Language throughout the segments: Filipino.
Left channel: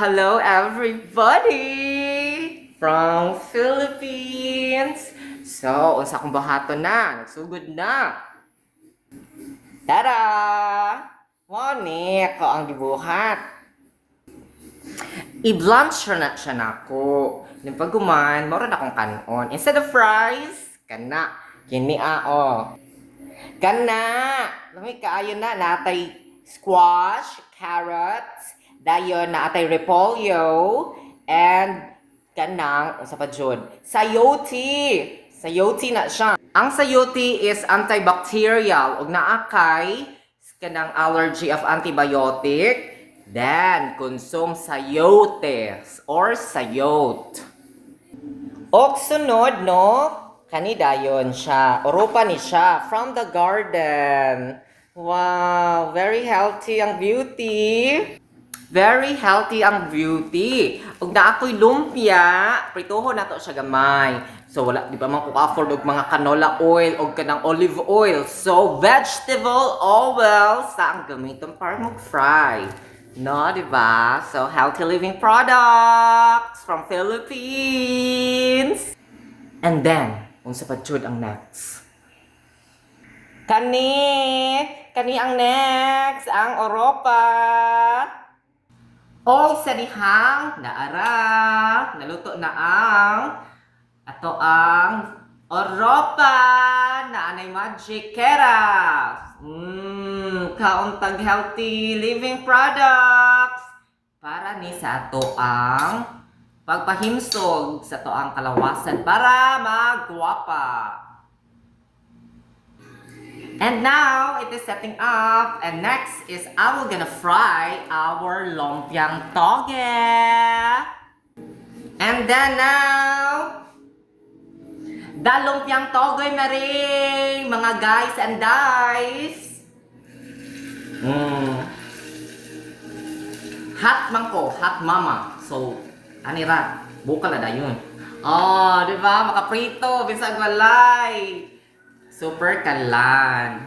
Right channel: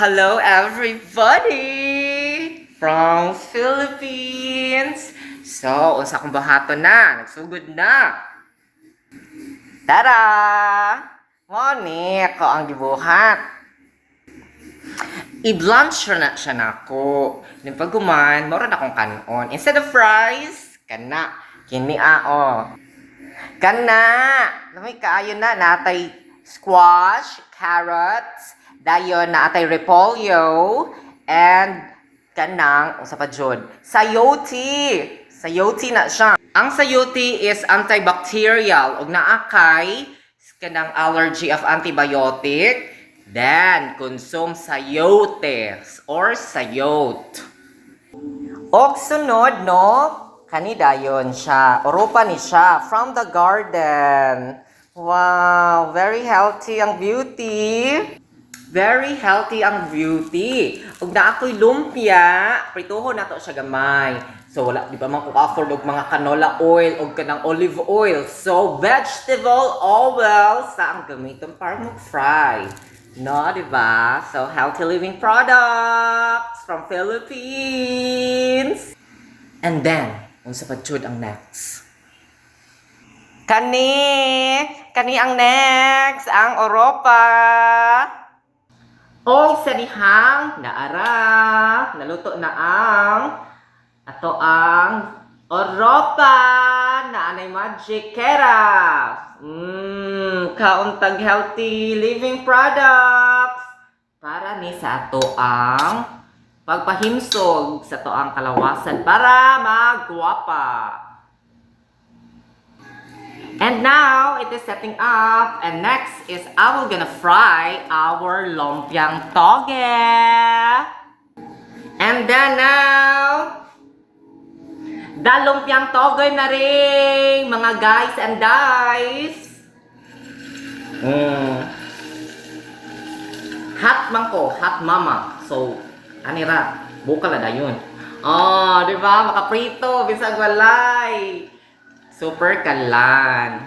Hello everybody from Philippines. So, unsa akong bahato na, nagsugod na. Tara! Moni ako ang gibuhat. I-blunt siya na ako. Yung pagguman, mora na akong kanon. Instead of fries, kana. Kini Kana! Lamay kaayo na, natay squash, carrots, dayon na atay repolyo, and kanang, usa pa jud, sayote. Sayote na siya. Ang sayote is antibacterial, ug naa kay kanang allergy of antibiotic. Then, consume sayotes or sayot. Og sunod, no? Kani dayon siya. Oropa ni siya from the garden. Wow, very healthy ang beauty. Very healthy ang beauty. Ug na ako'y lumpia, prituhon nato siya gamay. So wala di pa man ko afford og mga canola oil og kanang olive oil. So vegetable oil sa ang gamiton para mag-fry. No, di ba? So healthy living products from Philippines. And then, unsa pa jud ang next? Kani ang next, ang Europa. O sa dihang naara, naluto na ang ato ang Europa na anay magic kera. Kauntag healthy living products para ni sa ato ang pagpahimsog sa ato ang kalawasan para magwapa. And now, it is setting up. And next is I'm gonna fry our lumpiang toge. And then now, the lumpiang toge na rin, mga guys and guys. Hot man ko, hot mama. So, anira, bukal na yun. Oh, di ba? Makaprito, bisag walay. Super kalan.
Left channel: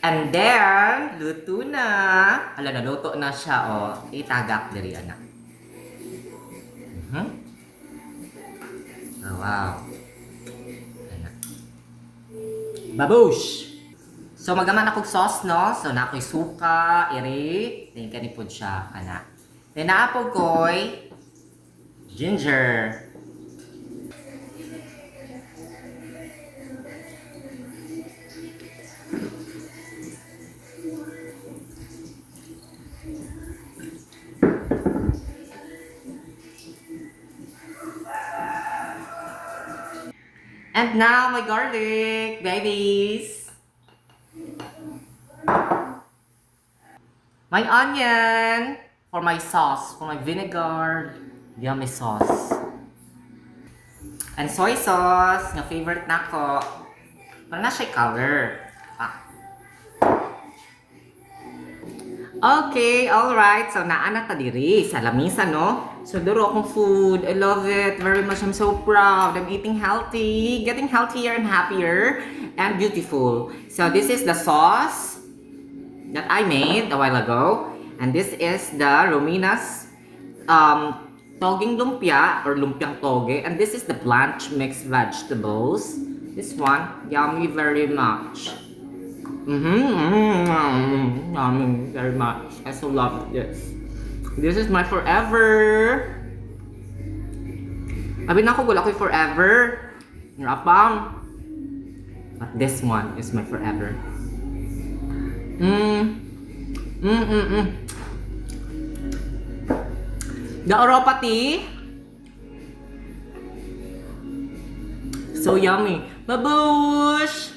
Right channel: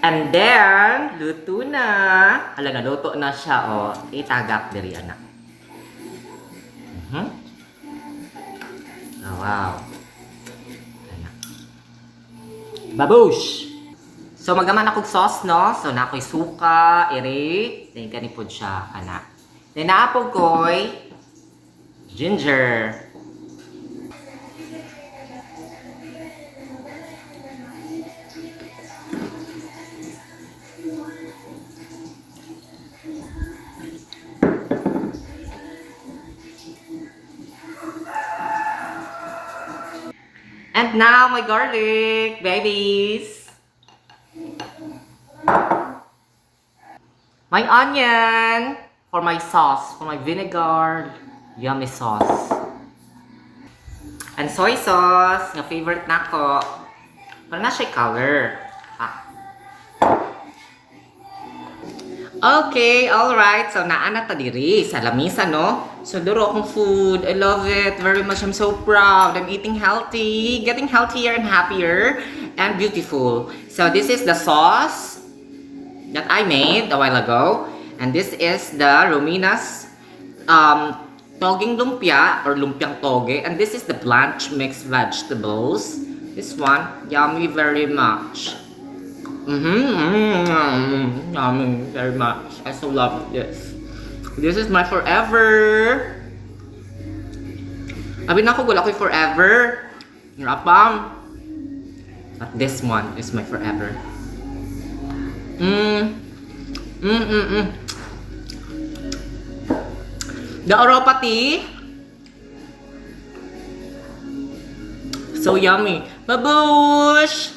And then, luto na. Ala, naluto na siya, oh. Itagak diri, anak. Oh, wow. Anak. Babush! So, magaman akong sauce, no? So, na ako'y suka, iri. Then, ganipod siya, anak. Then, naapog ko'y ginger. And now, my garlic, babies. My onion for my sauce, for my vinegar, yummy sauce. And soy sauce, nga favorite nako. Para na siya color. Okay, alright. So, naana ta diri sa lamisa, no? So, duro akong food. I love it very much. I'm so proud. I'm eating healthy, getting healthier and happier, and beautiful. So, this is the sauce that I made a while ago. And this is the Romina's toging lumpia, or lumpiang toge. And this is the blanch mixed vegetables. This one, yummy very much. Yummy very much. I so love this. This is my forever. Abi na ako, wala ko'y forever. Rapam. But this one is my forever. The Europa tea. So yummy. Babush!